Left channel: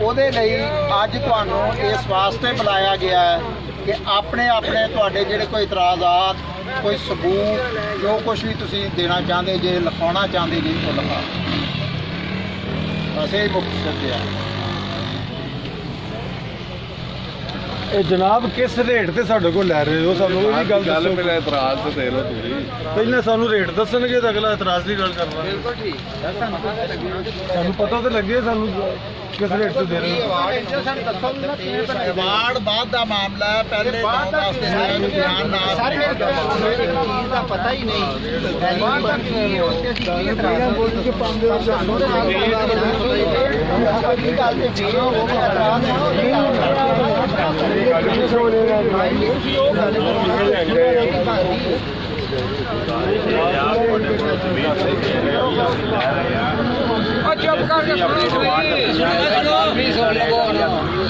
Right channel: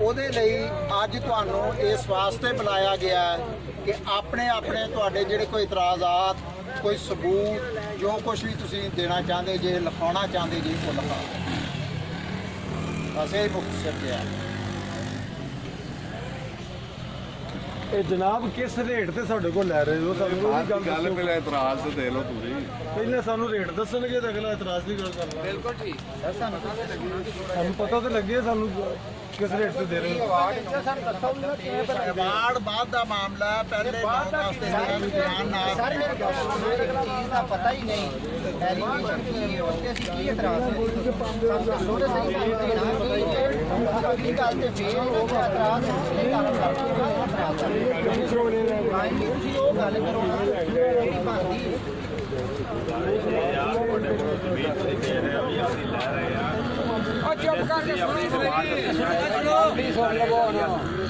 ਉਹਦੇ ਲਈ ਅੱਜ ਤੁਹਾਨੂੰ ਇਸ ਵਾਸਤੇ ਬੁਲਾਇਆ ਗਿਆ ਹੈ ਕਿ ਆਪਣੇ ਤੁਹਾਡੇ ਜਿਹੜੇ ਕੋਈ ਇਤਰਾਜ਼ਾਤ, ਕੋਈ ਸਬੂਤ, ਜੋ ਕੁਝ ਵੀ ਤੁਸੀਂ ਦੇਣਾ ਚਾਹੁੰਦੇ ਜੇ, ਲਿਖਾਉਣਾ ਚਾਹੁੰਦੇ ਜੀ, ਉਹ ਲਿਖਾ। ਬਸ ਇਹ ਮੁੱਖ ਸੱਚ ਹੈ। ਇਹ ਜਨਾਬ ਕਿਸ ਰੇਟ ਤੇ ਸਾਡੇ ਕੋਲ ਲੈ ਰਹੇ ਹੋ? ਸਾਨੂੰ ਇਹ ਵੀ ਗੱਲ ਦੱਸੋ। ਪਹਿਲਾਂ ਇਤਰਾਜ਼ ਤੇ ਦੇ ਲਓ ਤੁਸੀਂ, ਪਹਿਲਾਂ ਸਾਨੂੰ ਰੇਟ ਦੱਸਣਗੇ ਤਾਂ ਅਗਲਾ ਇਤਰਾਜ਼ ਦੀ ਗੱਲ ਕਰਨਾ। ਬਿਲਕੁਲ ਠੀਕ। ਸਾਨੂੰ ਪਤਾ ਤਾਂ ਲੱਗੇ ਸਾਨੂੰ ਕਿਸ ਰੇਟ ਤੇ ਦੇ ਰਹੇ ਹੋ। ਅਵਾਰਡ ਬਾਅਦ ਦਾ ਮਾਮਲਾ ਹੈ, ਪਹਿਲੇ ਬਾਅਦ ਦਾ ਬਿਆਨ ਨਾਲ ਸਾਰੇ ਇੱਕ ਚੀਜ਼ ਦਾ ਪਤਾ ਹੀ ਨਹੀਂ। ਐਲੀਗੇਸ਼ਨ ਕੀ ਹੈ ਉੱਤੇ ਅਸੀਂ ਕੀ ਇਤਰਾਜ਼ ਬੋਲ ਕੇ ਪਾਉਂਦੇ ਹੋ ਸਾਨੂੰ ਗੱਲ ਤੇ ਫਿਰ ਉਹ ਇਤਰਾਜ਼ ਆਪਣੀ ਡਿਮਾਂਡ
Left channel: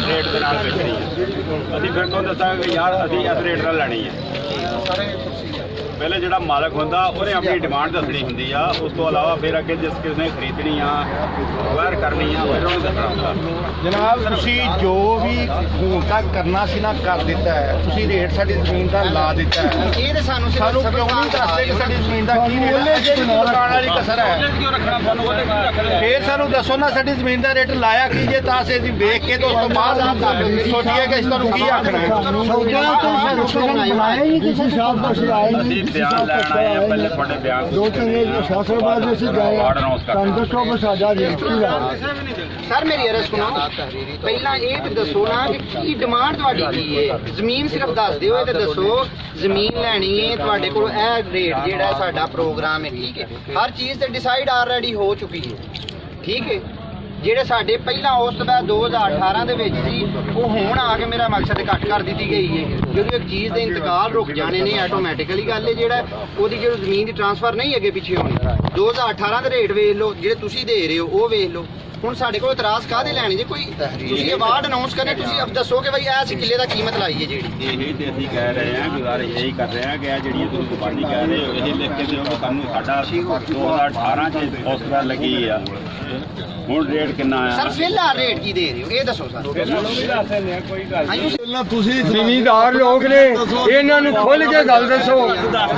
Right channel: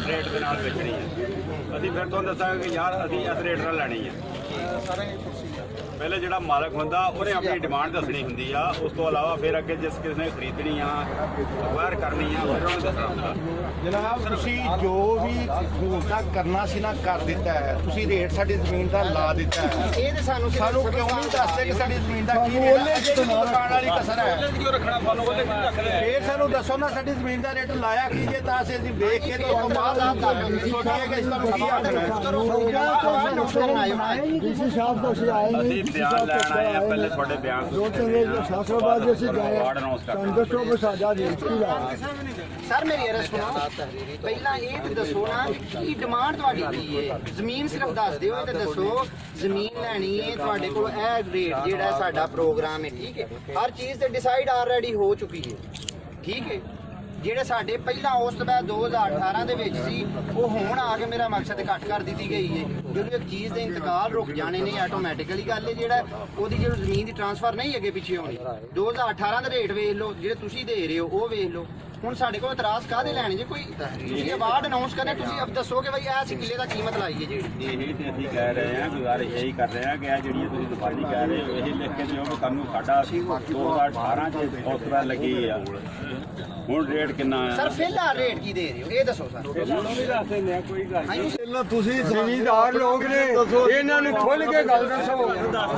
ਰੇਟ ਦੇ ਨਾਲ ਵੇਚਣੀ ਹੈ। ਅਸੀਂ ਫਿਰ ਤੋਂ ਦੱਸਾਂਗੇ ਯਾਰ ਅਸੀਂ ਇਸ ਰੇਟ ਨਾਲ ਲੈਣੀ ਹੈ। ਪਹਿਲੇ ਜਿਹੜਾ ਮਾਲਕ ਹੁੰਦਾ ਉਹਨੇ ਆਪਣੀ ਡਿਮਾਂਡ ਦੱਸਣੀ ਹੁੰਦੀ ਆ। ਉਸ ਤੋਂ ਇਲਾਵਾ ਫਿਰ ਅੱਗੇ ਜਿਸ ਕਿਸੇ ਨੇ ਖਰੀਦਣੀ ਆ, ਅਕਵਾਇਰ ਕਰਨੀ ਆ, ਫਿਰ ਉਹਨੂੰ ਦੱਸਣਾ ਹੁੰਦਾ। ਜਨਾਬ ਤੁਸੀਂ ਜੋ ਵੀ ਸਹੂਲਤਾਂ ਕਰਨਾ ਸੀ ਨਾ ਕਰ ਦਿੱਤਾ ਹੈ। ਤੁਸੀਂ ਰੇਟ ਸਾਡੀ ਜ਼ਮੀਨ ਦਾ ਲਾ ਦਿੱਤਾ ਹੈ। ਇਹ ਤਾਂ ਸਾਨੂੰ ਕਿਉਂ ਨਹੀਂ ਦੱਸਦੇ ਕਿ ਸਾਡੀ ਜ਼ਮੀਨ ਦਾ ਕੀ ਰੇਟ ਹੈ? ਦੁਕਾਨ ਵਾਲੀ ਕਸਰ ਹੈ। ਫਿਰ ਸਾਨੂੰ ਦੱਸੋ ਨਾ ਸਾਡੀ ਜ਼ਮੀਨ ਦਾ ਰੇਟ ਲਾਇਆ ਕੀ ਜੇ, ਤਾਂ ਅਸੀਂ ਵੇਖ ਕੇ ਤੋਂ ਉਸ ਤੋਂ ਬਾਅਦ ਸੋਚੀਏ ਕਿ ਅਸੀਂ ਤੁਹਾਨੂੰ ਕੀ ਆਖਣਾ ਹੈ। ਅਸੀਂ ਬਿਆਨ ਲੈਣ ਆਏ ਆ, ਪਹਿਲੇ ਤੁਹਾਡੇ ਬਿਆਨ ਵਾਰਡ ਅਨਾਉਂਸ ਸਰ ਮੇਰੀ ਅਰਜ਼ ਸੁਣੋ। ਪਹਿਲਾਂ ਇਹ ਤੇ ਦੱਸੋ ਨਾ ਕਿ ਕੀ ਡਿਮਾਂਡ ਤੁਹਾਡੀ ਕੀ ਹੈ। ਜ਼ਮੀਨ ਸਿਰਫ ਦੱਸ ਦਿਓ ਤੇ ਦੱਸੋ ਜ਼ਮੀਨ ਲੈਣੀ ਹੈ ਤੁਹਾਡੇ ਕੋਲ, ਇਹ ਰੇਟ ਜਿਹੜਾ ਸਾਡਾ ਪ੍ਰੋਗਰਾਮ ਹੈ, ਠੀਕ ਹੈ। ਹਰ ਚੀਜ਼ ਤੇ ਡਿਸਾਈਡ ਆਲਰੇਡੀ ਹੋ ਚੁੱਕੀ ਹੈ, ਠੀਕ ਹੈ। ਜਿਹੜੇ ਸਾਡੇ ਪਹਿਲਾਂ ਉਸ ਤੋਂ ਬਾਅਦ 2018 ਦੇ ਵਿੱਚ ਸੀ, ਉਹ ਹੁਣ ਆ ਕੇ ਮੇਰਾ ਮਕਸਦ ਘੱਟ ਕਰ ਦਿੱਤੀ ਗਈ ਹੈ। ਜਦੋਂ ਇੱਕ ਚੀਜ਼ ਦੇ ਇੰਤਕਾਲ ਰੁਕ ਜਾਣੇ ਨੇ ਆਟੋਮੈਟਿਕਲੀ ਗੱਲ ਹੈ, ਜਿਹੜਾ ਉਹਦੀ ਜਿਹੜੀ ਜ਼ਮੀਨ ਦੀ ਟ੍ਰਾਂਸਫਰ ਨਹੀਂ ਅੱਗੇ ਪਿੱਛੇ ਹੋਣੀ। 2018 ਦੇ ਰੇਟ ਵੇਖ ਲਓ, ਜਿਹੜੇ ਤੁਸੀਂ ਦੇ ਰਹੇ ਹੋ ਉਹ ਵੇਖ ਲਓ। ਹੁਣ ਸਾਡੇ ਕੋਲ ਇਤਰਾਜ਼ ਕਾਹਦੇ ਲੈਣੇ ਜੇ? ਕੋਈ ਤੁਸੀਂ ਅਵਾਰਡ ਅਨਾਉਂਸ ਕਰਨੇ, ਤੁਸੀਂ ਅਬ ਦੱਸੋ ਕਿ ਬਈ ਇਸ ਕਿੱਲੇ ਦਾ ਕੀਮਤ ਲਾਈ ਹੈ ਜਿਹੜੀ। ਇਹੀ ਤੇ ਅਸੀਂ ਕਹਿ ਰਹੇ ਹਾਂ, ਗੁਜ਼ਾਰਿਸ਼ ਇਹੀ ਕਰ ਰਹੇ ਹਾਂ ਕਿ ਜਿਹੜੀ ਤੁਸੀਂ ਪਾਰਟੀ ਕਹਿ ਰਹੇ ਹੋ ਇਹ ਲਿਖ ਕੇ ਦਿਓ ਕਿ ਸਾਨੂੰ ਸਾਡਾ 2018 ਚ ਹੌਸਲਾ ਲੱਗੀ ਆ। ਹੁਣ ਰੇਟ ਕਿੰਨਾ ਆ ਸਰ? ਫਿਲਹਾਲ ਰੇਟ ਕੀ ਦੇ ਰਹੇ ਹੋ ਇਹ ਦੱਸੋ ਸਰ। ਕੋਈ ਗੱਲ ਤੁਸੀਂ ਜ਼ਿਮੀਂਦਾਰ ਲੋਕ ਨੇ, ਇਹਨਾਂ ਨੂੰ ਖੁੱਲ ਕੇ ਗੱਲ ਦੱਸੋ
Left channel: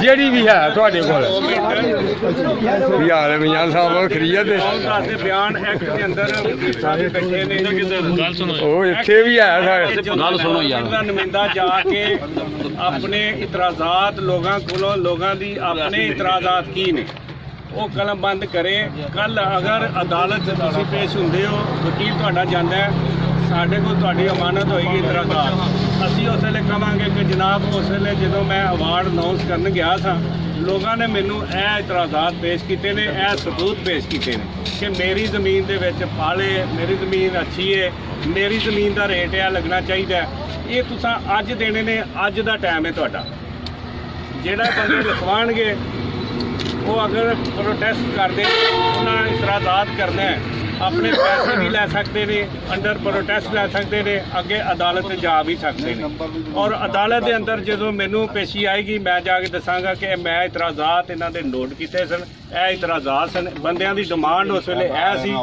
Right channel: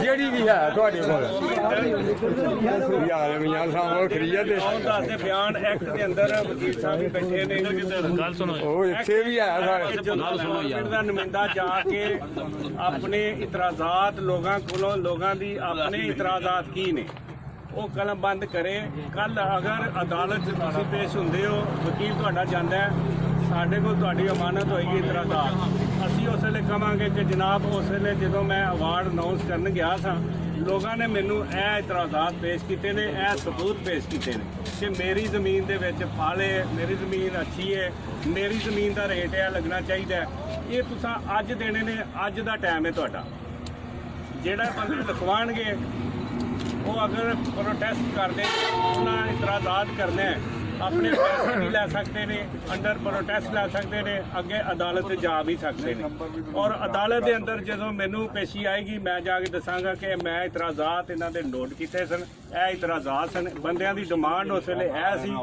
ਜਿਹੜੀ ਵੀ ਹੈ ਤੁਹਾਡੇ ਕੋਲ। ਯਾਰ ਮਿਆਂ ਸਾਹਿਬ ਖਰੀਦ ਦੇ ਬਿਆਨ ਐਕਟ ਦੇ ਅੰਦਰ ਸਾਰੇ ਬੈਠੇ ਨੇ। ਗੱਲ ਸੁਣੋ, ਉਹ ਇੱਥੇ ਵੀ ਹੈ। ਗੱਲ ਸੁਣੋ ਯਾਰ, ਦਾ ਨੁਮਾਇੰਦਾ ਜਾ ਕੇ ਆਪਣੇ ਇਤਰਾਜ਼ਾਤ ਲੋਕਾਂ ਕੋਲੋਂ, ਲੋਕਾਂ ਦੀ ਆਪਣੇ ਇਤਰਾਜ਼ਾਤ ਕੀ ਨੇ ਉਹ ਕਲਮ ਬੰਦ ਕਰੇ। ਕੱਲ ਅਗਰ ਅਦਾਲਤ 'ਚ ਤੁਸੀਂ ਪੇਸ਼ ਹੁੰਦੇ ਹੋ, ਵਕੀਲ ਤੁਹਾਡਾ ਜਾਂਦਾ ਹੈ, ਸਾਡੇ ਕੋਲ ਤੁਹਾਡੀ ਅਮਾਨਤ ਹੋਏਗੀ ਇਤਰਾਜ਼ਾਤ, ਅਸੀਂ ਉਸ ਵੇਲੇ ਕਹਾਂਗੇ ਕਿ ਜਨਾਬ ਉਸ ਵੇਲੇ ਜਦੋਂ ਮੈਂ ਅਵਾਰਡ ਅਨਾਉਂਸ ਕਰਨ ਗਿਆ ਸਾਂ, ਲੋਕਾਂ ਨੇ ਮੈਨੂੰ ਇਹ ਇਤਰਾਜ਼ਾਤ ਪੇਸ਼ ਕੀਤੇ ਨੇ, ਇਹ ਸਬੂਤ ਪੇਸ਼ ਕੀਤੇ ਨੇ ਕਿ ਮੇਰੀ ਜ਼ਮੀਨ ਦੇ ਵਿੱਚ ਫਲ ਹੈ, ਮੇਰੀ ਜ਼ਮੀਨ ਅੱਛੀ ਹੈ, ਮੇਰੀ ਜ਼ਮੀਨ ਦਾ ਰੇਟ ਇਹ ਲੱਗਣਾ ਚਾਹੀਦਾ। ਇਹ ਤੁਸੀਂ ਅੱਜ ਦੇਣੇ ਨੇ, ਅੱਜ ਦਾ ਟਾਈਮ ਹੈ ਤੁਹਾਡਾ। ਜਿਹੜਾ ਬੰਦੇ ਲਿਖਵਾਉਣਗੇ ਉਹ ਅਗਰ ਪ੍ਰੋਟੈਸਟ ਕਰਦੇ, ਉਹਨਾਂ ਇਤਰਾਜ਼ਾਤ ਕਰਨਾ ਹੈ, ਆਪਣੇ ਪੈਸੇ ਵੀ ਲੈ ਸਕਦੇ ਨੇ, ਅੰਡਰ ਪ੍ਰੋਟੈਸਟ ਲੈ ਸਕਦੇ ਨੇ, ਅੱਗੇ ਅਦਾਲਤ ਜਾ ਵੀ ਸਕਦੇ ਨੇ। ਔਰ ਅਦਾਲਤ ਦੇ ਅੰਦਰ ਜਦੋਂ ਮੈਨੂੰ ਪੇਸ਼ੀ ਆਏਗੀ, ਮੈਂ ਜਾ ਕੇ ਦੱਸਾਂਗਾ ਕਿ ਮੈਂ ਇਤਰਾਜ਼ਾਤ ਇਹਨਾਂ ਦੇ ਨੋਟ ਕੀਤੇ ਸਨ, ਇਹ ਇਤਰਾਜ਼ਾਤ ਸਨ, ਬੰਦਿਆਂ ਦੀ ਡਿਮਾਂਡ ਉਸ ਵੇਲੇ ਇਹ ਸੀ,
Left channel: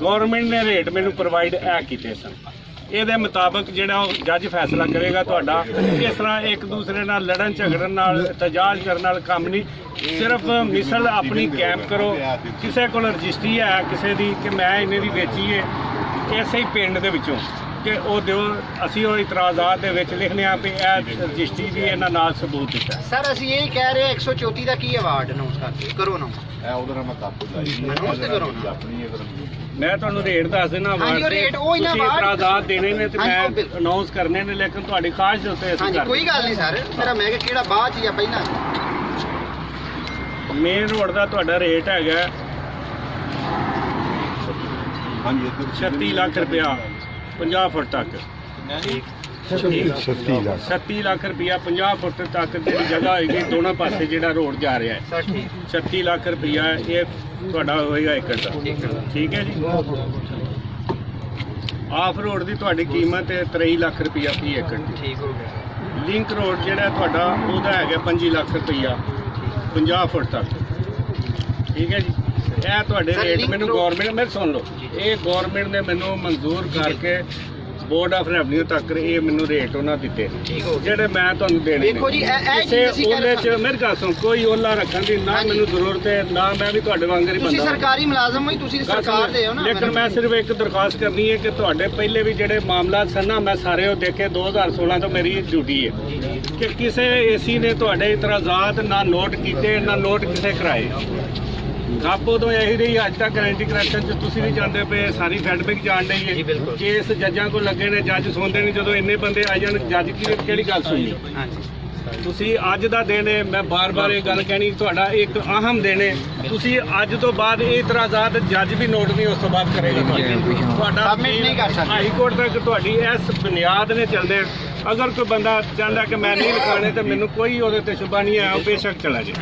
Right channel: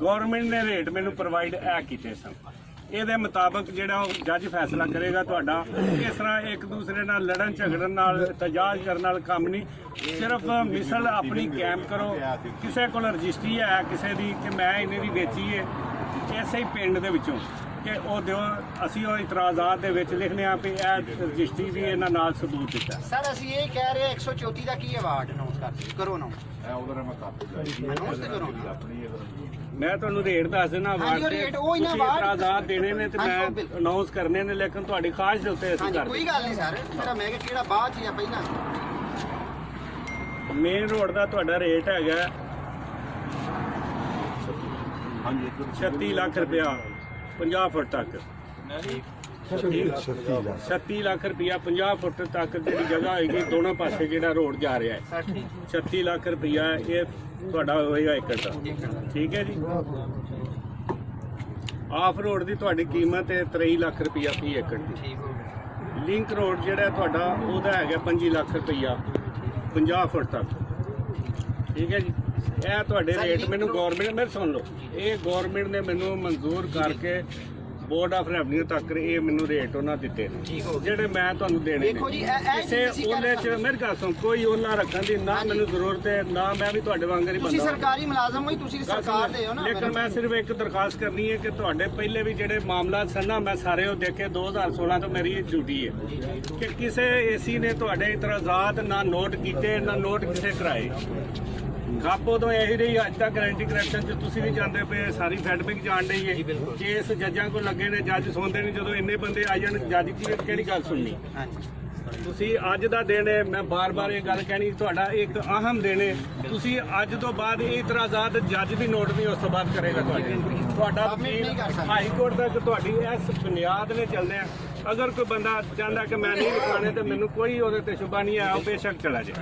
ਗੌਰਮੈਂਟ ਨੇ ਰੇਟ ਮੈਨੂੰ ਪ੍ਰੋਵਾਈਡ ਇਹ ਕੀਤੇ ਸਨ। ਇਹਦੇ ਮੁਤਾਬਕ ਜਿਹੜਾ ਉਹ ਜੱਜ ਫੈਸਲਾ ਕਰੇਗਾ ਤੁਹਾਡਾ। ਇਸ ਤਰ੍ਹਾਂ ਇੱਕ ਦੂਸਰੇ ਨਾਲ ਲੜਨ ਝਗੜਨ ਨਾਲ, ਤਜਾਜ ਕਰਨ ਨਾਲ ਕੰਮ ਨਹੀਂ। ਸਿਰਫ ਮਿਸਲ ਆਪਣੀ ਕੈਂਪ ਕਰੋ। ਕਿਸੇ ਕੋਲ ਰਜਿਸਟਰੀ ਹੈ ਕਿਸੇ ਦੀ ਕਿ ਮੈਂ ਇਹਨੇ ਦੀ ਵੇਚੀ ਹੈ, ਇਸੇ ਹੀ ਪਿੰਡ ਦੇ ਵਿੱਚੋਂ ਕਿ ਉਹ ਦਿਓ, ਅਸੀਂ ਉਹ ਇਤਰਾਜ਼ਾਤ ਦੇ ਵਿੱਚ ਲਿਖਨੇ ਆ ਵੀ ਇਹ ਰਜਿਸਟਰੀ ਵੀ ਇਹਨਾਂ ਨਾਲ ਸਬੂਤ ਦਿੱਤਾ। ਸਰ ਅਸੀਂ ਇਹ ਕਹਿ ਰਹੇ ਹਾਂ 134 ਦਾ ਕੀ ਅਵਾਰਡ ਅਨਾਉਂਸ ਕਰਦੇ ਕਰੋ ਨਾ। ਮੈਂ ਤੁਹਾਨੂੰ ਰੇਟ ਦੱਸ ਦੇਣਾ ਅਵਾਰਡ ਦੇ, ਤੁਸੀਂ ਇਤਰਾਜ਼ਾਤ ਦੇਣੇ ਨੇ ਤੇ ਮੈਂ ਅਨਾਉਂਸ ਕਰਨੇ ਨੇ, ਲੇਕਿਨ ਤੁਹਾਡੀ ਖਾਹਿਸ਼ ਦੇ ਉੱਤੇ ਅਸੀਂ ਕਰਦੇ। ਕੋਈ ਗੱਲ ਨਹੀਂ ਸਰ, ਮੇਰਾ ਮੈਂ ਕਿਹੜਾ ਬਾਅਦ ਚ ਜਾਂ ਪਹਿਲਾਂ। ਮੇਨ ਰੋਡ ਦਾ ਤੁਹਾਡਾ ਰੇਟ ਹੈਗਾ 36 ਲੱਖ ਰੁਪਇਆ 50 ਫੁੱਟ ਤੱਕ। 37 ਲੱਖ ਰੁਪਇਆ 50 ਫੁੱਟ ਤੱਕ ਜਿਹੜੀ ਜਗ੍ਹਾ ਹੋਏਗੀ ਦੋਨੋਂ ਪਾਸੇ ਜਿਹੜਾ ਰੋਡ ਜਾ ਰਿਹਾ ਹੈ 36 ਲੱਖ ਰੁਪਇਆ ਇਹ ਤੁਹਾਡਾ ਹੋਏਗਾ ਏਕੜ ਦਾ। ਠੀਕ ਹੈ ਜੀ। ਆਫ ਰੋਡ ਦੀ ਤੁਹਾਡੀ ਕੀਮਤ ਹੈ 23 ਲੱਖ ਰੁਪਇਆ ਫੀ ਏਕੜ ਦੀ। ਲਿੰਕ ਰੋਡ ਜਿਹੜਾ ਤੁਹਾਡਾ ਉਹਦਾ ਹੈਗਾ 25 ਲੱਖ ਰੁਪਇਆ 50 ਫੁੱਟ ਤੱਕ। ਠੀਕ ਹੈ ਜੀ। ਇਹ ਤੁਹਾਡੇ ਰੇਟ ਮੈਨੂੰ ਗਵਰਨਮੈਂਟ ਮੇਰੇ ਸੁਣ ਲਓ, ਇਹ ਗਵਰਨਮੈਂਟ ਨੇ ਮੈਨੂੰ ਮਨਜ਼ੂਰ ਕਰਕੇ ਬੋਰਡ ਆਫ ਰੈਵਨਿਊ ਤੱਕ ਇਹ ਮੈਨੂੰ ਰੇਟ ਉਹਨਾਂ ਦਿੱਤੇ ਜਿਹੜੇ ਮੈਂ ਤੁਹਾਨੂੰ ਦੇਣੇ ਨੇ। ਕਿਸੇ ਉਹਲੇ 'ਚ ਮੇਰੇ ਕੋਲ ਸੁਣ ਕੋਈ ਓਲਾ ਰੱਖਣ ਦੀ ਨਾ ਮੈਨੂੰ ਜ਼ਰੂਰਤ ਹੈ, ਨਾ ਮੈਂ ਵੀ ਤੁਹਾਡੇ ਵਾਂਗਰ ਹੀ ਬੰਦਾ। ਤੁਸੀਂ ਸਰਕਾਰੀ ਮੁਲਾਜ਼ਮ ਹੋ, ਤੁਸੀਂ ਸਰਕਾਰ ਦੇ ਹੋ ਨਾ। ਲੇਕਿਨ ਮੈਂ ਸਿਰਫ ਇੱਕ ਦਰਖਾਸਤ ਕਰਨੀ ਹੈ ਕਿ ਤੁਹਾਡੇ ਪਹਿਲੇ ਵੀ ਜਿਹੜੇ ਮਾਮਲਾ ਸਨ ਨਾ ਮੈਂ ਸਾਰੇ ਉਹ ਦੇਖੇ 2016 ਤੋਂ ਮੇਰੀ ਡਿਊਟੀ ਹੈ ਕਿ ਕਿਸੇ ਏਸੀ ਨੇ ਤੁਹਾਡੇ ਇਤਰਾਜ਼ਾਤ ਨਾ ਨੋਟ ਕੀਤੇ ਨਾ ਨੋਟ ਕਿਸੇ ਕਰਾਏ। ਖਾਪੋ ਤੋਂ ਇਹੀ ਰਹੀ ਅੱਜ ਤੱਕ ਗਰੰਟੀ ਕਰੈਕਸ਼ਨ 'ਚ ਤੁਸੀਂ ਵੀ ਜਾਂਦੇ ਪਏ, ਸਾਰੀ ਫੈਡਬੈਕ ਜਾਣ ਰਹੀ ਹੈ। ਕੇਸ ਜੱਜਾਂ ਕੋਲ ਲੱਗੇ ਨੇ, ਜੱਜ ਸੁਣਦੇ ਨਹੀਂ। ਜਦੋਂ ਇੰਨੇ ਬੰਦੇ ਆ ਜਾਣ ਜੱਜ ਕਿਹੜੀ ਗੱਲ ਸੁਣੀ? ਤੁਸੀਂ ਅੱਜ ਦਾ ਦਿਨ ਹੈ, ਮੈਂ ਬਾਰ-ਬਾਰ ਇਹ ਗੱਲ ਕਹਿਣੀ ਤੁਹਾਡਾ ਇੱਕ ਅਹਿਮ ਦਿਨ ਹੈ। ਤੁਸੀਂ ਅੱਜ ਤੋਂ ਬਾਅਦ ਇਹ ਇਤਰਾਜ਼ਾਤ ਜੱਜ ਵੀ ਨੋਟ ਨਹੀਂ ਉਸ ਤੋਂ ਬਾਅਦ ਕਰੇਗਾ ਤੁਹਾਡਾ ਨਹੀਂ ਕਰ ਸਕਦਾ। ਹਾਈ ਕੋਰਟ ਤੱਕ ਤੁਹਾਡੀ ਇਸ ਬੁਨਿਆਦ ਨੇ ਚੱਲਦੇ ਆ। ਅਗਰ ਕੋਈ ਬੰਦਾ ਚਾਹੁੰਦਾ ਕਿ ਮੈਂ ਨਹੀਂ ਲਿਖਾਣੇ ਤੇ ਮੈਨੂੰ ਕੋਈ ਉਹਦੇ ਤੇ ਸ਼ੁਬਾ ਨਹੀਂ ਹੈ, ਉਹ ਬੇਸ਼ੱਕ ਚਲਾ ਜਾਏ।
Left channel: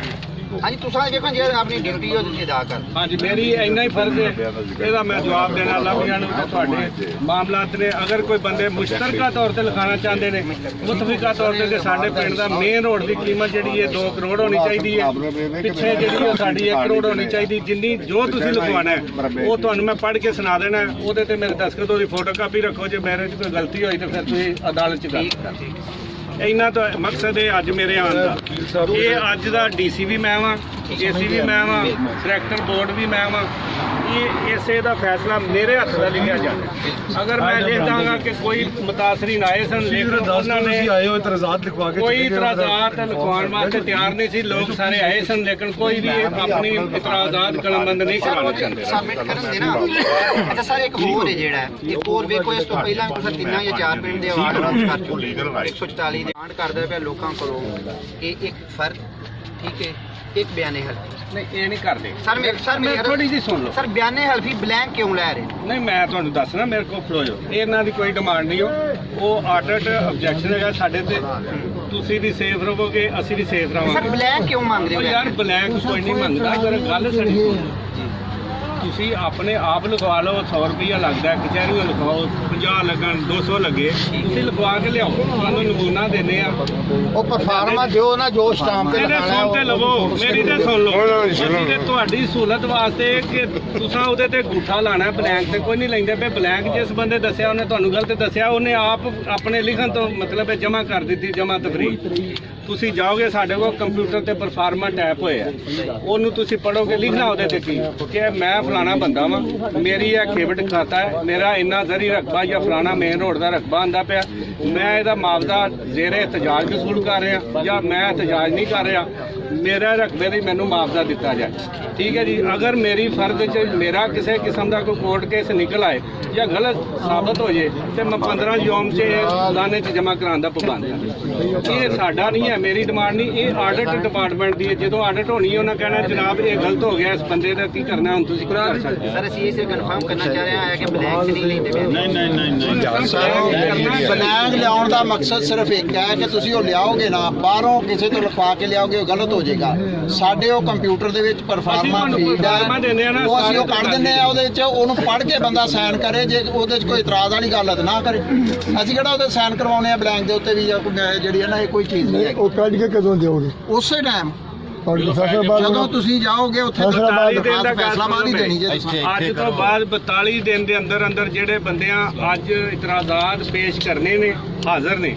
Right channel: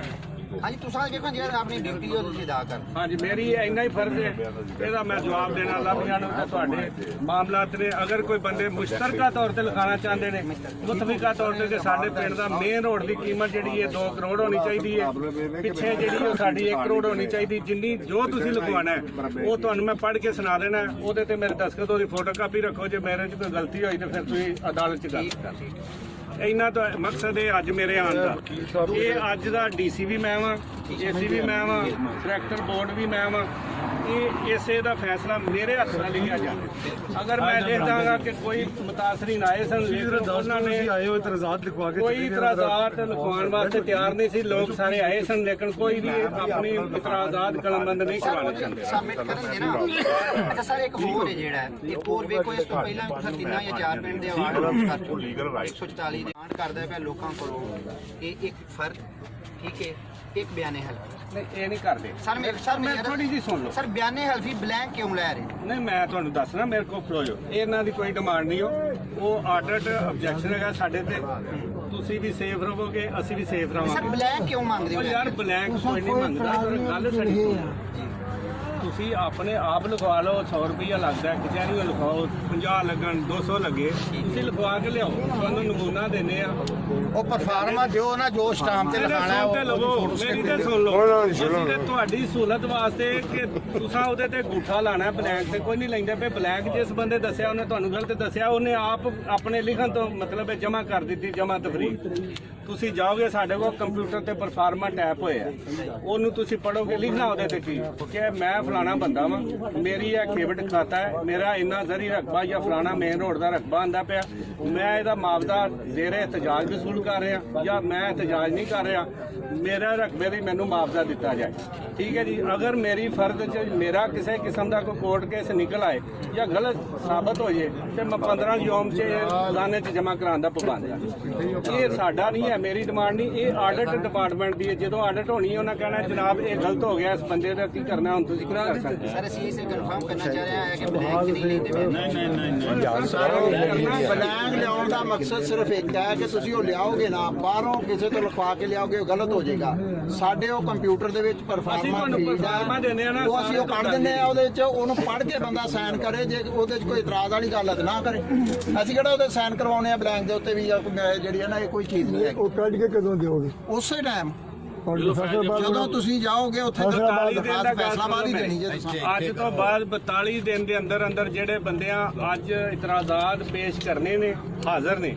ਹਾਂਜੀ ਤੁਸੀਂ ਦੇਖੋ ਜੇ ਆਪਣੀ ਡਿਊਟੀ ਉਹ ਤੁਸੀਂ ਅਦਾ ਕਰ। ਹਾਂਜੀ ਮੇਰੀ ਇੰਨਾ ਹੀ ਫਰਜ਼ ਹੈ, ਇਹਦਾ ਮੈਂ ਜਵਾਬ ਦੇਣਾ ਲੱਭਿਆਂ ਨੂੰ ਤੇ ਤੁਹਾਡੇ ਮਾਮਲਾਤ ਨੇ। ਅਗਰ ਕੋਈ ਬੰਦੇ ਮੁਸ਼ਤਰਕਾ ਤੌਰ ਤੇ ਲਿਖਾਉਣਾ ਚਾਹੁੰਦੇ ਨੇ ਮੁਤਫਿਕਾ ਤੌਰ ਤੇ ਸਾਡੇ ਪਿੰਡ ਦਾ ਮੇਨ ਰੋਡ ਦੀ ਕੀਮਤ ਜਿਹੜੀ ਹੈ 2 ਕਰੋੜ ਹੋਣੀ ਚਾਹੀਦੀ ਹੈ, ਪਿੱਛੇ ਜਿਹੜੀ ਉਹ ਸਾਡੀ 1 ਕਰੋੜ ਹੋਣੀ ਚਾਹੀਦੀ। ਜਿੰਨੀ ਜੋ ਤੁਸੀਂ ਲਿਖਵਾਉਣਾ ਹੈ ਉਹ ਤੁਹਾਨੂੰ ਮੈਂ ਪੜ੍ਹ ਕੇ ਸੁਣਾ ਦੇਣਾ, ਉਹਦੇ ਤੇ ਮੇਰੇ ਦਸਤਖਤ ਉਹਦੀ ਫੋਟੋ ਕਾਪੀ ਰੱਖੋ। ਜੇ ਮੇਰੇ 'ਚ ਕੋਈ ਗਲਤੀ ਹੋਈ ਤਾਂ ਫਿਰ ਤੁਸੀਂ ਅਦਾਲਤ 'ਚ ਗੱਲ ਕਰ। ਇੰਨਾ ਤਾਂ ਮਕਸਦ ਹੈ ਅੱਜ ਮੇਰੇ ਆਉਣ ਦਾ। ਇਹ ਅੱਜ ਦਾ ਡੀਸੀ ਵੀ ਮੈਂ ਵਾਂ, ਏਸੀ ਵੀ ਮੈਂ ਵਾਂ, ਡਾਇਰੈਕਟਰ ਬੋਰਡ ਵੀ ਮੈਂ ਵਾਂ। ਇਹ ਇਸੇ ਦਾ ਫੈਸਲਾ ਮੇਰੇ ਹੱਥ ਦਾ ਲਿਖਿਆ ਜਾਵੇ। ਅਗਰ ਮੈਂ ਲਿਖ ਦਾਂਗਾ ਕਿ ਕੋਈ ਮੁਤਾਸਰੀਨ ਆਏ ਸਨ, ਲੇਕਿਨ ਉਹਨਾਂ ਨੇ ਆਏ ਹੋ ਇਤਰਾਜ਼ਾਤ ਲਿਖਵਾ ਕੇ ਕੋਈ ਇਤਰਾਜ਼ਾਤ ਲਿਖਵਾਉਣ ਵਾਸਤੇ ਤਿਆਰ ਨਹੀਂ ਸੀ। ਲੋਕ ਸਾਰੇ ਆਏ ਸਨ, ਲੇਕਿਨ ਕੋਈ ਵੀ ਆਪਣੀ ਇਤਰਾਜ਼ਾਤ ਕਲਮਬੰਦ ਨਹੀਂ ਕਰਾਉਣਾ ਚਾਹੁੰਦੇ। ਸਬਮਿਟ ਕਰਨ ਦੇ ਨਾ। ਅੱਛਾ ਸਰ ਇੱਕ ਹੋਰ ਹੈ ਜਿਹੜਾ ਇੱਕ ਹੋਰ ਵੇਖੋ, ਇਸ ਤੋਂ ਪਹਿਲਾਂ ਤੁਸੀਂ 3 ਜਾਂ 4 ਪਿੰਡ ਦੇ ਅਵਾਰਡ ਲਾਂਚ ਕਰ ਚੁੱਕੇ 144 ਦੇ ਡਿਮਾਂਡ ਕਰਦਾ ਪਿਆ ਲੋਕਾਂ ਕੋਲੋਂ ਕਿ ਇੱਕ ਫਰਦ ਠੀਕ ਹੈ ਇੱਕ ਬਿਆਨੇ ਹਲਫੀ। ਨਹੀਂ ਇਹ ਨਹੀਂ ਕਰਦੇ ਸਰ ਮੈਂ ਥੋੜੀ ਜਿਹੀ ਸੁਣ ਲਓ। ਸਰ ਬਿਆਨੇ ਹਲਫੀ ਬਲੈਂਕ ਕਿਉਂ ਲੈ ਰਹੇ? ਨਹੀਂ ਮੈਂ ਤੁਹਾਨੂੰ ਦੱਸਣਾ, ਮੇਰੇ ਕੋਲ ਖਲੋ ਜਾਓ। ਇਹਨਾਂ ਦੀ ਕੋਈ ਡਿਮਾਂਡ ਨਹੀਂ ਉਹ ਆਰਡਰਡ ਆਬਜੈਕਸ਼ਨ ਹੈਗਾ ਸਾਡੇ ਤੇ। ਤੁਸੀਂ ਵੀ ਸੇਫ ਰਹੋਗੇ, ਅਸੀਂ ਵੀ ਸੇਫ ਸਰ ਰਹਾਂਗੇ। ਬਲੈਂਕ ਕਿਉਂ ਮੰਗ ਰਹੇ ਉਹ ਹੋ ਯਾਰ ਬਲੈਂਕ ਕੋਈ ਨਹੀਂ ਮੰਗਦਾ। ਅਗਰ ਗੱਲ ਸਾਡੀ ਸੁਣੋ, ਤੁਸੀਂ ਆਪਣੇ ਆਪ ਲਿਖਵਾ ਲਓ। 100 ਰੁਪਈਆ ਲੱਗਦਾ, ਕਚਹਿਰੀਆਂ ਲਿਖਾਓ 50 ਲੱਗਣ 200 ਲੱਗੇ, ਤੁਸੀਂ ਲਿਖਵਾ ਕੇ ਲਿਆਓ। ਤੁਹਾਨੂੰ ਨਮੂਨਾ ਦਿੰਦੇ ਆ। ਉਹ ਪਰਫਾਰਮਾ ਦਿਓ ਨਾ ਜੋ ਸਟਾਂਪ ਤੇ ਇਹਦੇ ਸੁਣ ਤੇ ਲਵੋ, ਮੇਰੀ ਤੇ ਸੁਣ ਲਓ। ਅਸੀਂ ਤੇ ਤੁਹਾਡੀ ਸਹੂਲਤ ਵਾਸਤੇ ਕਿ ਤੁਸੀਂ ਉਹਦੇ ਤੇ ਅੰਗੂਠਾ ਲਾਣਾ, ਬਲੈਂਕ ਤੇ ਕੋਈ ਨਹੀਂ ਲੈਂਦੇ ਪਏ। ਬਲੈਂਕ ਜਿਸ ਬੰਦੇ ਦੱਸਿਆ ਉਹਨੇ ਤੁਹਾਨੂੰ ਗਲਤ ਦੱਸਿਆ, ਉਹਨੇ ਆਪ ਆਪਣੇ ਲਿਖਣ ਤੋਂ ਮਤਲਬ ਹੈ ਜਮ੍ਹਾਂ ਕਰ ਦਿੱਤੀ, ਜਮ੍ਹਾਂ ਤਫਰੀਕ। ਤੁਸੀਂ ਜਾਓਗੇ ਸਾਡੇ ਕੋਲ ਕੰਪਿਊਟਰ ਤੇ ਪਰਫਾਰਮਾ ਟੈਪ ਹੋਇਆ, ਉਹਨੂੰ ਤੁਸੀਂ ਪੜੋਗੇ, ਲਿਖਣਾ ਉਹਦੇ ਤੇ ਕੀ ਕਿ ਮੈਂ ਫਲਾਣਾ ਬੰਦਾ ਵਾਂ, ਮੇਰੀ ਇਹ ਖੇਬਟ ਖਾਤਾ ਹੈ, ਮੇਰਾ ਇੰਨਾ ਜ਼ਰੀ ਰਕਬਾ ਜਾਂ ਫਲਾਣਾ ਮੇਨ ਰੋਡ ਦਾ ਰਕਬਾ ਆਂਦਾ ਪਿਆ, ਮੈਂ ਇਹਦਾ ਮੁਆਵਜ਼ਾ ਜ਼ੇਰੇ ਇhtਜਾਜ ਵਸੂਲ ਕਰ ਰਿਹਾ ਜਾਂ ਮੈਂ ਇhtਜਾਜ ਨਹੀਂ ਕਰ ਰਿਹਾ, ਮੇਰਾ ਰਕਬੇ ਦੀ ਮੈਨੂੰ ਮੁਆਵਜ਼ਾ ਦਿੱਤਾ ਜਾਏ। ਠੀਕ ਹੈ ਜੀ। ਅਗਰ ਮੇਰੀ ਫਰਜ਼ 'ਚ ਮੇਰਾ ਕਿਸੇ ਕਿਸਮ ਦਾ ਕੋਈ ਕੋਰਟ ਕੇਸ ਨਿਕਲ ਆਏ ਜਾਂ ਗਲਤ ਸਾਬਤ ਹੋ ਜੇ ਤੇ ਮੈਂ 15 ਯੋਮ 'ਚ ਦਾਨੇ 'ਚ ਜਮ੍ਹਾਂ ਕਰਾਉਣ ਦਾ ਪਾਬੰਦ ਹਾਂ। ਇਹ ਸਾਡਾ ਨਹੀਂ ਹੈ, ਮੇਰੀ ਡਿਮਾਂਡ ਨਹੀਂ, ਇਹ ਆਡਿਟ ਡਿਪਾਰਟਮੈਂਟ ਦੀ ਹੈ। ਜਦੋਂ ਆਡਿਟ ਹੋਣੀ ਉਹਨਾਂ ਕਹਿਣਾ ਜਨਾਬ ਇਹ ਗਲਤ ਹੋ ਗਿਆ, ਇਸ ਬੰਦੇ ਦਾ ਕੀ ਕਰਨਾ, ਹੁਣ ਤੁਸੀਂ ਕੀ ਕਰ ਸਕਦੇ ਹੋ। ਸਰ ਅਸੀਂ ਇਹ ਕਨਫਰਮ ਕਰਨਾ ਚਾਹ ਰਹੇ ਹਾਂ ਕਿ ਬਲੈਂਕ ਨਹੀਂ ਲੈਂਦੇ ਪਏ। ਬਲੈਂਕ ਲਿਆਉਣ ਦਾ ਮਕਸਦ ਸਿਰਫ ਇੱਕ ਹੈ ਕਿ ਤੁਸੀਂ ਉਹ ਲਿਆਓਗੇ ਨਾ, ਬਾਹਰੋਂ ਕਿਸੇ ਤੋਂ ਲਿਖਵਾ ਕੇ ਲਿਆਓਗੇ, ਉਹ ਗਲਤ ਹੋ ਜਾਏਗਾ। ਸਾਡੇ ਉਹ ਕੰਪਿਊਟਰ ਦੇ ਵਿੱਚ ਪਰਫਾਰਮਾ ਦਿੰਦੇ ਆ ਨਾ, ਉਹ ਅਸੀਂ ਉਹ ਕੱਢ ਦਿੰਦੇ ਆ, ਉਹਦੇ ਵਿੱਚ ਉਹਨੂੰ ਪੜ੍ਹ ਕੇ ਬੰਦਾ ਸਾਈਨ ਕਰੇ। ਜੇ ਉਹਦੇ 'ਚ ਕੋਈ ਇਤਰਾਜ਼ ਵਾਲੀ ਗੱਲ ਹੈ ਤਾਂ ਨਾ ਕਰੇ। ਅਸੀਂ ਕਿਹੜਾ ਉਹਦੇ ਸਾਈਨ ਕਰਵਾਉਣੇ ਆ ਬਲੈਂਕ ਦੇ ਉੱਤੇ ਵੀ ਜਾਂ ਜਿਹੜੀ ਹੈ ਨਾ, ਇਹ ਕੋਈ ਚੀਜ਼ ਨਹੀਂ ਹੈ। ਉਹ ਕੱਢ ਕੇ ਕਦੋਂ ਦਿਓਗੇ? ਉਸੇ ਟਾਈਮ ਜਦੋਂ ਜਦੋਂ ਤੁਸੀਂ ਜਾਓਗੇ ਉੱਥੇ ਫੈਸਲਾ ਬਾਅਦ ਹੀ ਦੇਣੀ ਜੇ ਤੁਸੀਂ। ਅੱਜ ਤੋਂ ਬਾਅਦ 42 ਦਿਨ ਦੇ ਅੰਦਰ ਅੰਦਰ ਜਿਹੜੇ ਬੰਦਿਆਂ ਅੱਜ ਇਤਰਾਜ਼ਾਤ ਪੇਸ਼ ਕਰਨੇ ਨੇ ਹਾਜ਼ਰ ਨੇ,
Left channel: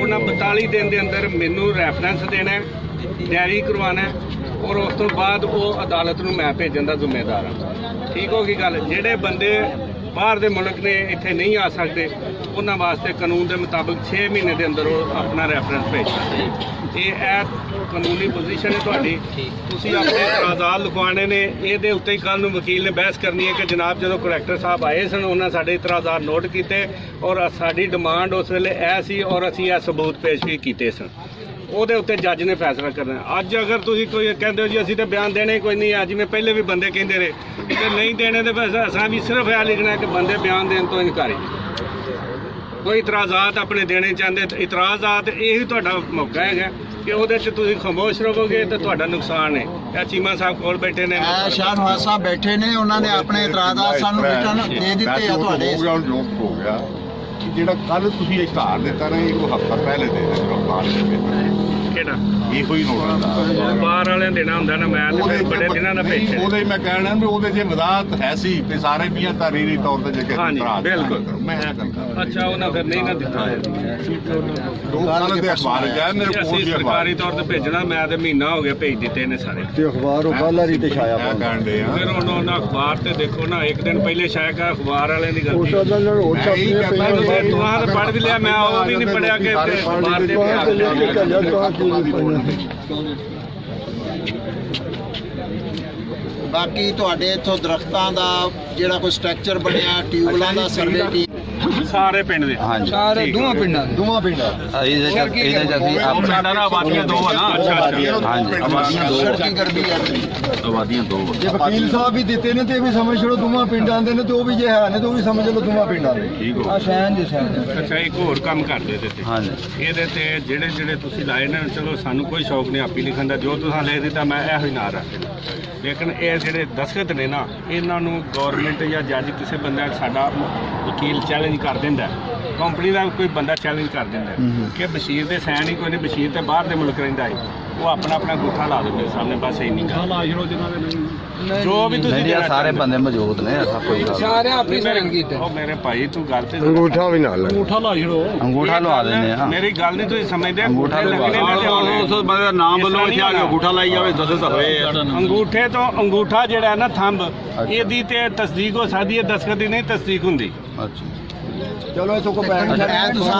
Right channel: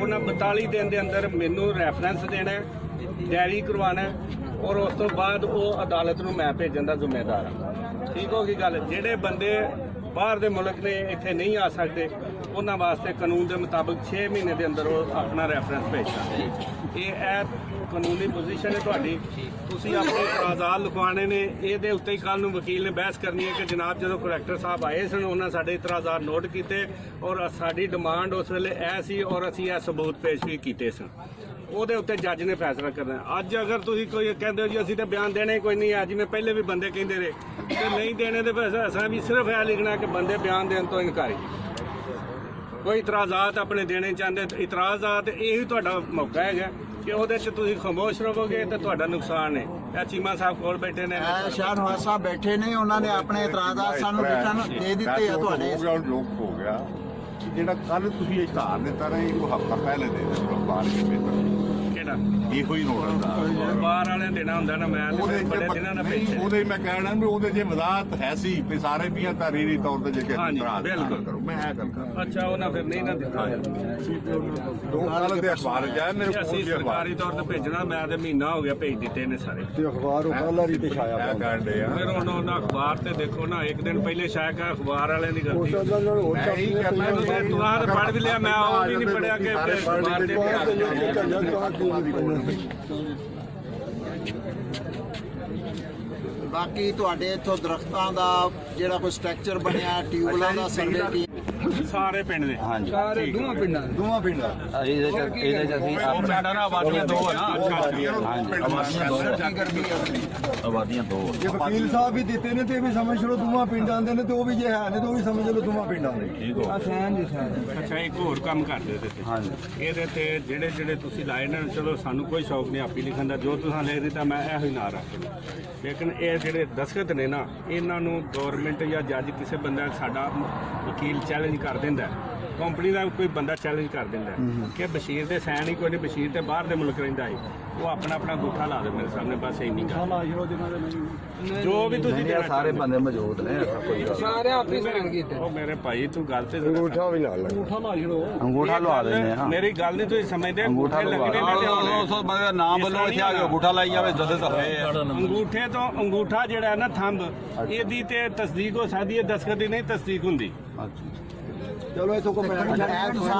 ਉਹਨਾਂ 42 ਦਿਨ ਦੇ ਅੰਦਰ ਮੈਨੂੰ ਰੈਫਰੈਂਸ ਦੇਣਾ, ਡਾਇਰੀ ਕਰਵਾਉਣਾ ਔਰ ਉਸ ਤੋਂ ਬਾਅਦ ਉਹ ਅਦਾਲਤ ਨੂੰ ਮੈਂ ਭੇਜਣ ਦਾ ਜ਼ਿੰਮੇਦਾਰ ਹਾਂ। ਠੀਕ ਹੋ ਗਈ ਗੱਲ। ਜਿਹੜੇ ਬੰਦੇ ਬਾਹਰ ਦੇ ਮੁਲਕ ਨੇ ਇੱਥੇ ਨਹੀਂ ਆ ਸਕਦੇ ਉਹਨਾਂ ਵਾਸਤੇ ਕਾਨੂੰਨ ਦੇ ਮੁਤਾਬਕ 6 ਮਹੀਨੇ ਦੇ ਅੰਦਰ ਉਹ ਆਪਣਾ ਰੈਫਰੈਂਸ ਭੇਜ ਸਕਦੇ। ਇਹ ਕਾਨੂੰਨੀ ਪੋਜੀਸ਼ਨ ਹੈ ਤੁਹਾਡੀ। ਤੁਸੀਂ ਆਪਣੇ ਇਤਰਾਜ਼ਾਤ ਲਿਖਵਾਉਣੇ ਨੇ, ਇਹਦੇ ਉੱਤੇ ਹੀ ਕੱਲ੍ਹ ਨੂੰ ਵਕੀਲ ਨੇ ਬਹਿਸ ਕਰਨੀ ਹੈ ਕਿ ਜਨਾਬ ਜਦੋਂ ਕਲੈਕਟਰ ਸਾਹਿਬ ਆਏ ਸਨ ਉਹਨਾਂ ਸਾਡੇ ਇਤਰਾਜ਼ਾਤ ਨੋਟ ਕੀਤੇ ਔਰ ਸਾਡੀ ਡਿਮਾਂਡ ਉਸ ਵੇਲੇ ਇਹ ਸੀ ਔਰ ਅਸੀਂ ਇਹ ਸਬੂਤ ਪੇਸ਼ ਵੀ ਕੀਤੇ ਸਨ। ਉਹਦੇ ਉੱਤੇ ਜੱਜ ਨੇ ਫੈਸਲਾ ਕਰਨਾ। ਅੱਜ ਅਗਰ ਤੁਸੀਂ ਕੋਈ ਕਹਿੰਦੇ ਹੋ ਜੀ ਅਸੀਂ ਤਾਂ ਬਿਆਨ ਦੇਣੇ ਕੋਈ ਨਹੀਂ ਆ, ਜਿਵੇਂ ਪਹਿਲੇ ਵੀ ਬੰਦੇ ਕਹਿੰਦੇ ਰਹੇ ਤੇ ਨਹੀਂ ਦੇਣੇ ਤੇ ਬਸ ਅਸਾਂ ਵੀ ਸਿਰਫ ਇਹ ਲਿਖਣਾ ਕਿ ਬੰਦੇ ਬਿਆਨ ਦੇਣ ਤੋਂ ਇਨਕਾਰੀ। ਕੋਈ ਇਤਰਾਜ਼ਾਤ ਆਪਣੇ ਦੇਣੇ ਚਾਹੁੰਦੇ ਤਾਂ ਇਤਰਾਜ਼ਾਤ ਇਹੀ ਤੁਹਾਡਾ ਮੌਕਾ ਹੈਗਾ ਕਿ ਉਹਦੇ 'ਚ ਤੁਸੀਂ ਖਾਮੋਸ਼ ਰਹੋਗੇ ਤਾਂ ਤੁਹਾਡਾ ਨੁਕਸਾਨ ਹੈ। ਇਹ ਚੀਮਾ ਸਾਹਿਬ ਕੋਲ ਬੈਠੇ ਨੇ, ਸ਼ਾਹਨਵਾਜ਼ ਸਾਹਿਬ ਬੈਠੇ ਨੇ, ਉਹਨਾਂ ਨੇ ਆਪਣੇ ਇਤਰਾਜ਼ਾਤ ਸਾਨੂੰ ਰਿਟਰਨ ਦੇ ਦਿੱਤੇ ਆ ਤੁਹਾਡੇ। ਹੋ ਗਿਆ ਕਿ ਜਿਹੜਾ ਕੱਲ ਤੁਸੀਂ ਇਸ਼ਤਿਹਾਰ ਦਿੱਤਾ ਨਾ, ਇਹ ਹਫ਼ਤਾ ਪਹਿਲੇ ਦੇ ਦਿੱਤੇ ਅਖਬਾਰ ਵਿੱਚ ਕਿਹੜਾ ਇਹੋ ਹੀ ਨੋਟਿਸ ਦਾ ਬਾਹਰ ਵਾਲਿਆਂ ਦੇਣਾ ਹੁੰਦਾ ਨਾ, ਮੈਂ ਉਹਦੇ ਤਾਂ ਬੜੇ ਦਿਨਾਂ ਦਾ ਭੇਜਿਆ। ਉਹਦੇ ਮੈਂ ਕਹਿਣਾ ਵੀ ਉਹਦੇ ਜੇ ਵਜ਼ਾਹਤ ਹੈ ਸੀ ਵੀ ਸਾਰੇ ਪੀਆਂ ਤਾਰੀਰੀ ਤੌਰ ਤੇ ਜੇ ਹਾਂਜੀ, ਬਿਲਕੁਲ। ਮੈਂ ਇਹ ਕਰਦਾ ਅੱਛਾ, ਉਹਨਾਂ ਫਿਰ ਨਹੀਂ ਨਾ ਦਿੱਤਾ ਦੋ ਕੱਲ ਦੇ ਅਖਬਾਰ ਚ ਆਇਆ ਮੇਰੇ ਕਿ ਕੋਲ ਅਸੀਂ ਵੀ ਅਖਬਾਰ ਸਰਕਾਰੀ ਤੌਰ ਤੇ ਭੇਜਣਾ, ਮੈਂ ਤੇ ਮਹੀਨਾ ਹੋ ਗਿਆ ਭੇਜ ਦਿੱਤੇ ਨੇ ਸਾਰੇ। ਤੇ ਅਖਬਾਰ ਉਹ ਕੱਲ੍ਹ ਵਾਲੀ ਤੇ ਛਾਇਆ ਇਹ ਕਹਿਣ ਦੇ ਆ ਫਿਰ ਹੁਣ ਉਹਨਾਂ ਅਖਬਾਰ ਤੇ ਦੇਖੋ ਨਾ, ਇੱਕ ਦਿਨ ਪਹਿਲੇ ਸ਼ਾਇਦ ਅਖਬਾਰ ਵਾਲਿਆਂ ਦੀ ਗਲਤੀ। ਮੈਨੂੰ ਤੇ ਤੁਹਾਂ ਤੇ ਪੜ੍ਹ ਵੀ ਲਿਆ, ਮੈਂ ਉਹ ਵੀ ਨਹੀਂ ਪੜਿਆ ਕਿ ਅਖਬਾਰ ਤੇ ਵੀ ਆ ਬਾਕੀ ਤੁਹਾਡੇ ਇੱਥੋਂ ਦਰਖਤਾਂ ਦਾ ਜਿਹੜਾ ਕੋਈ ਸਟਰਕਚਰ ਬਣਿਆ, ਟਿਊਬਲਾਂ ਦਾ ਸਰਵੇ ਸਾਰੇ ਪਿੰਡ ਦੇ। ਸਾਰੇ ਦੋਵਾਂ ਪਿੰਡਾਂ ਇਹਦੇ ਚ ਅਸੀਂ ਸਾਡਾ ਨਾ ਆਬਾਦੀਆਂ ਦੋ ਆ ਨਾ। ਅੱਛਾ ਆਬਾਦੀਆਂ ਦੋ ਸੜਕੀ ਗਰਬੀ ਆ। ਆਬਾਦੀਆਂ ਦੋ ਜੇ ਵਕੀਲ ਸਾਹਿਬ ਵੀ ਦਿੱਤੇ ਨੇ ਤੇ ਇਹ ਵੀ ਸਮਝ ਲਓ ਦੋਵਾਂ ਪਿੰਡਾਂ ਦੇ ਨੇ, ਤੇ ਉਹ ਵੀ ਜੇ ਹੈ ਨੇ ਤੇ ਉਹ ਵੀ ਸਮਝ ਲਓ ਦੋਵਾਂ ਪਿੰਡਾਂ ਦੇ। ਠੀਕ ਹੋ। ਆ ਸ਼ਹਿਨ ਜੀ ਸ਼ਹਿਨ। ਅੱਛਾ, ਇੱਕ ਹੋਰ ਕੰਮ ਕਰਦੇ ਇਹਦੇ ਤੇ। ਹਾਂਜੀ ਇਹਦੇ ਤੇ ਜਿਹੜੇ ਤੁਸੀਂ ਲਾਏ ਨੇ, ਚਲੋ ਸਾਨੂੰ ਕੋਈ ਸ਼ੌਕ ਨਹੀਂ ਆਪੀ ਲਿਖਣ ਦਾ, ਜੋ ਤੁਸੀਂ ਲਿਖ ਦਿੱਤਾ ਮੈਂ ਇਹੋ ਹੀ ਨਾਂ ਰੱਖ ਦੇਣਾ। ਲੇਕਿਨ ਇਹ ਜਿਹੜੇ ਦਸਖਤ ਨੇ ਨਾ, ਇਹਨਾਂ ਨੂੰ ਗਵਰਨਮੈਂਟ ਜਾਂ ਜੱਜ ਕਿਸੇ ਬੰਦਾ, ਸਾਡਾ ਵਕੀਲ ਚੈਲੰਜ ਕਰ ਦਿੰਦਾ, ਕੰਪਨੀ ਦਾ ਕੋਈ ਬੰਦਾ ਚੈਲੰਜ ਕਰ ਦਿੰਦਾ ਕਿ ਬਸ਼ੀਰ ਦੇ ਸਾਈਨ ਹੀ ਕੋਈ ਨਹੀਂ, ਬਸ਼ੀਰ ਤੇ ਬਾਹਰ ਦੇ ਮੁਲਕ ਰਹਿੰਦਾ ਹੈ, ਉਹ ਆਪਣਾ ਅੰਗੂਠਾ ਲਾ ਦੇ ਮੇਰੇ ਸਾਹਮਣੇ, ਬਸ ਇੰਨੀ ਗੱਲ। ਜੋ ਵੀ ਤੁਸੀਂ ਦੇਣਾ ਸਾਰੇ ਬੰਦੇ ਮੌਜੂਦ ਨੇ, ਐਸਾ ਕੋਈ ਗੱਲ ਨਹੀਂ। ਸਾਰੇ ਆਪਣੀ ਸਾਈਨ ਕੀਤੇ। ਉਹ ਮੇਰੇ ਭਾਈ ਤੂੰ ਗੱਲ ਤੇ ਅੰਗੂਠਾ ਵੀ ਨਾਲ ਅੰਗੂਠਾ ਲਵਾ ਦਿੰਦੇ ਆ। ਮੇਰੀ ਗੱਲ ਨਹੀਂ ਤੁਸੀਂ ਸਮਝਦੇ। ਅੰਗੂਠਾ ਲਵਾ ਬੰਦੇ ਨਾਮ ਵੱਲੋਂ ਇੱਥੇ ਆ ਕੇ ਅੰਗੂਠਾ ਲਾਈ ਜਾਵੇ, ਦੱਸੇ ਤਾਂ ਹੋਏ ਅੰਗੂਠੇ ਤੋਂ। ਅੰਗੂਠਾ ਜਿਹੜਾ ਹੈ ਨਾ ਥੰਬ, ਇਹਦੀ ਤੇ ਤਸਦੀਕ ਹੋ ਸਕਦੀ ਹੈ, ਦਸਖਤ ਦੀ ਨਹੀਂ ਤਸਦੀਕ ਹੁੰਦੀ। ਅੱਛਾ ਚਲੋ ਇਥੋਂ ਕੋ ਪੈਣ ਤੁਸੀਂ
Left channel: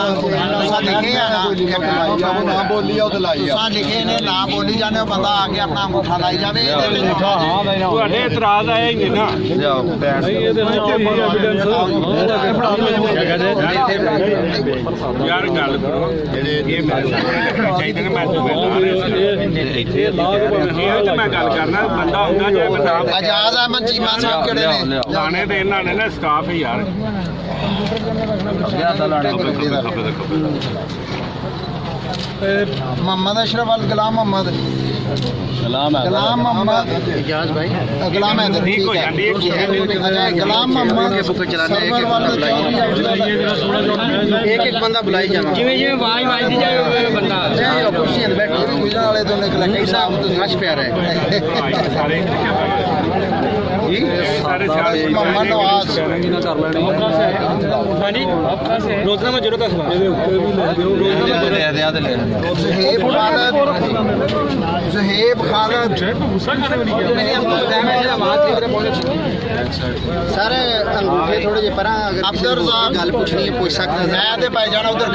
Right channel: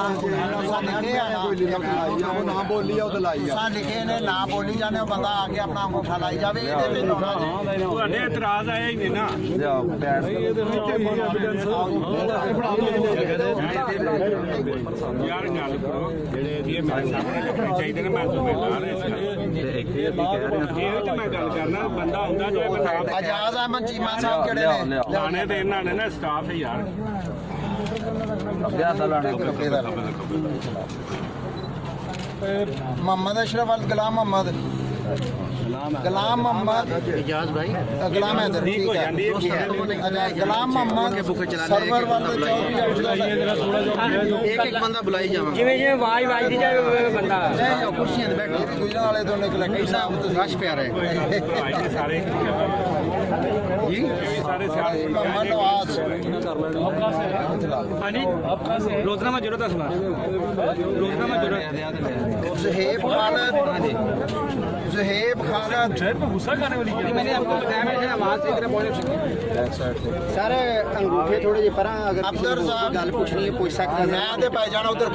ਲਿਖੇ ਆ ਨਾ, ਨਾ ਬੋਲੀ ਆ ਉਹ ਤੇ ਲਾਈ ਆ। ਤੁਸੀਂ ਲਿਖੇ ਨੇ, ਨਾ ਬੋਲੀ ਜਾਂਦੇ ਹੋ, ਬੰਦਾ ਆ ਕੇ ਆਪਣਾ ਅੰਗੂਠਾ ਲਾਈ ਜਾਵੇ, ਇਹਦੇ ਤੇ ਲਾਉਣਾ ਜੀ। ਤੁਹਾਡੇ ਇਤਰਾਜ਼ ਆਇਆ ਹੀ ਨਹੀਂ ਨਾ। ਲਿਆਓ ਬੈਠ ਯਾਰ ਗੱਲ ਕਰੋ, ਇਹ ਮੇਰੇ ਸਾਹਮਣੇ ਰੱਖਣੇ ਚਾਹੀਦੇ ਨੇ। ਮੈਂ ਤੁਹਾਨੂੰ ਲਾ ਰਿਹਾ ਇਹ ਤੇ ਮੈਂ ਗੱਲ ਕਰਨਾ, ਬੰਦਾ ਹੁੰਦਾ ਜੇ ਬੰਦਾ ਆਜ਼ਾਦ ਅਹਿਮਦ ਚੀਮਾ ਸਾਹਿਬ ਕਿਹੜੇ ਨੇ? ਲਾਣੇ ਦੇ ਇਹਨਾਂ ਨੇ ਨਾ ਸਟਾਫ ਹੈ ਯਾਰ। मोहम्मद अशरफ अल गुलाम मोहम्मद गुलाम मोहम्मद गुलाम हैदर ठीक है। अच्छा गुलाम मोहम्मद सरवर वाले चौधरी ਇੱਕ ਇੱਕ ਬੰਦਾ ਬੁਲਾਈ ਜਾਣਾ। ਜਿਵੇਂ ਜਿਵੇਂ ਆਵਾਜ਼ ਵੱਜਦੀ ਜਾਏ ਉਹ ਬੰਦਾ कुर्सी बैठे भी गुजरा वाले दोनों कलेक्टर साहब तो ਰਸ਼ ਪਿਆ ਰਿਹਾ ਸਾਰੇ ਸਾਰੇ मोहम्मद नवाज रोजनामा जरूर का सवाल ज़ुहैब खालिद ਸਰ ਅੰਗੂਠੇ ਥੋੜੇ ਜਿਹੇ ਪਰਾਂ, ਅਗਰ ਅਬਦੁਰ ਕਿਸੇ ਨੂੰ ਸਾਹਿਬ ਗੱਲ ਪੁੱਛਣੀ ਹੈ ਪੁੱਛ ਸਕਦਾ। मैं ते भाई जाना उधर